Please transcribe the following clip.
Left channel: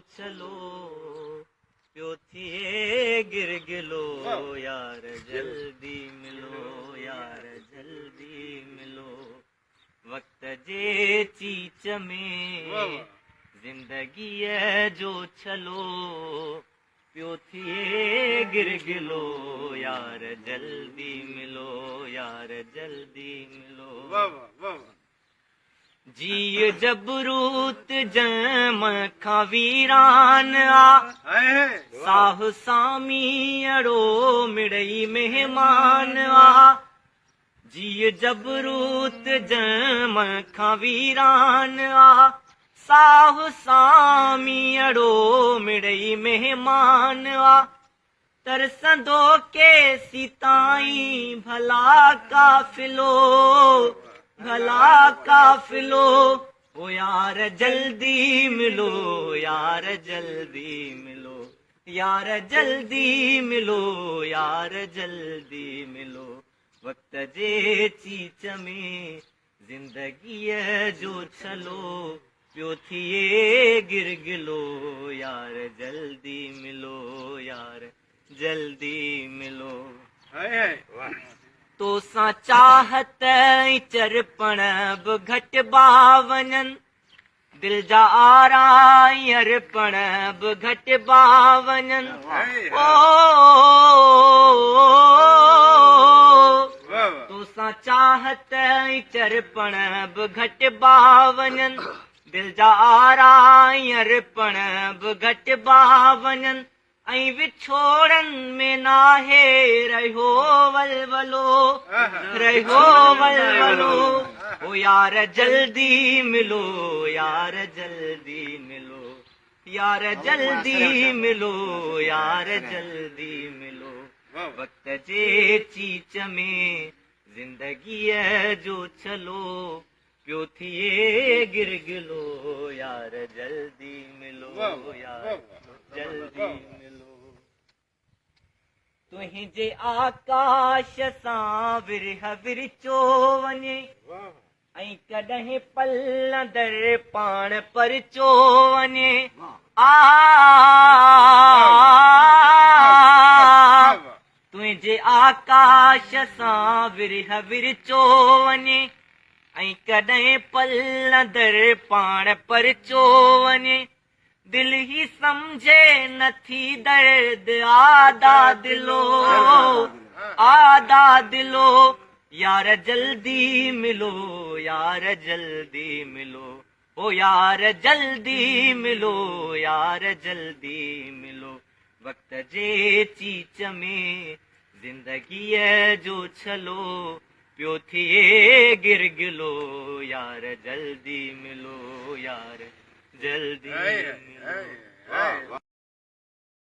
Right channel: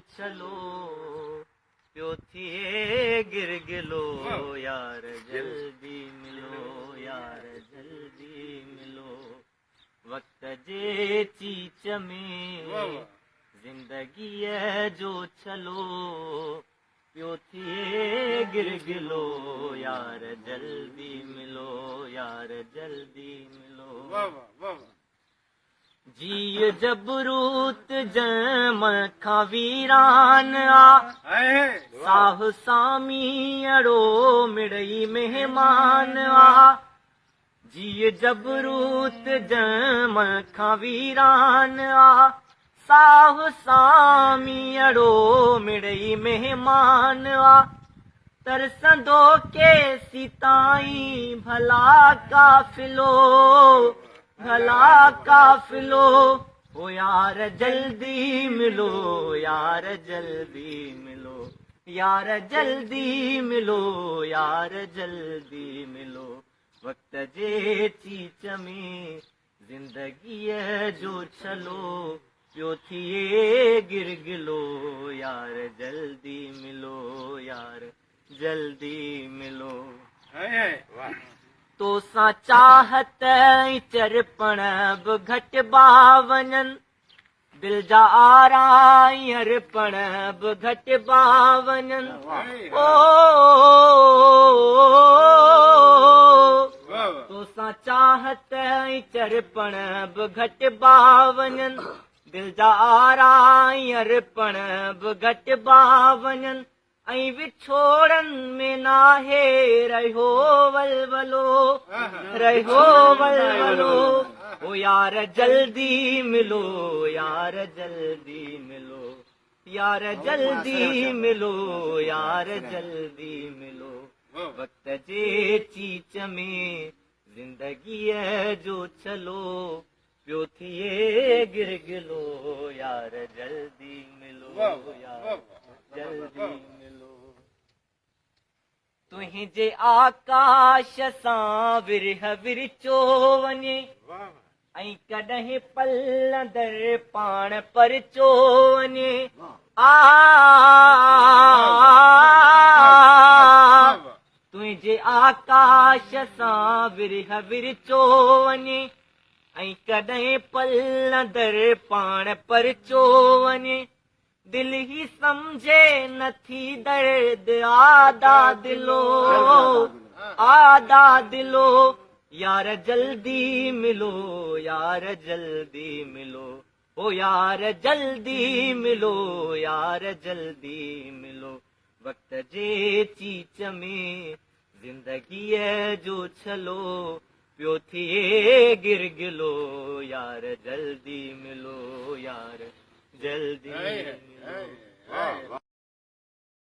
छलो पियो थिए गिरगिलो यार जल्दी मिलो यार जल्दी मिलो वक्त जे चीच में जिंदगीअ जो छलो पियो थिए गिरगिलो यार जल्दी मिलो यार जल्दी मिलो जी जबरूत जम खां वीरान साह सामी अड़ो मिड़ई मेहमान जी जबरूत जम खां वीरान साह सामी अड़ो मिड़ई मेहमान तरसंदो के सीताई भला काफिलो ओ यार जल्दी मिलो यार जल्दी मिलो यार जल्दी मिलो यार जल्दी मिलो वक्त जे चीच में जिंदगीअ जो छलो पियो थिए गिरगिलो यार जल्दी मिलो यार जल्दी मिलो तो सां चाहत चरपण बि घटि बावननि दिल जा आरायरपण बि घटि बावननि तो सां चाहत चरपण बि घटि बावननि दिल जा आरायरपण बि घटि बावननि ऐं विछोड़नि में नाहे रहियो वलवलो ओ यार जल्दी मिलो यार जल्दी मिलो यार जल्दी मिलो यार जल्दी मिलो वक्त जे चीच में जिंदगीअ जो छलो पियो थिए गिरगिलो यार जल्दी मिलो यार जल्दी मिलो तुंहिंजे आकाश सां विरह विरचो वञे ऐं कॾहिं पलंदर पाण परचो वञे तुंहिंजे आकाश सां विरह विरचो वञे ऐं कॾहिं पलंदर पाण परचो वञे दिल ही समझे नथी दर्द आदा दिलो यार जल्दी मिलो यार जल्दी मिलो ओ यार जल्दी मिलो यार जल्दी मिलो वक्त जे चीच में जिंदगीअ जो छलो पियो थिए गिरगिलो यार जल्दी मिलो यार जल्दी मिलो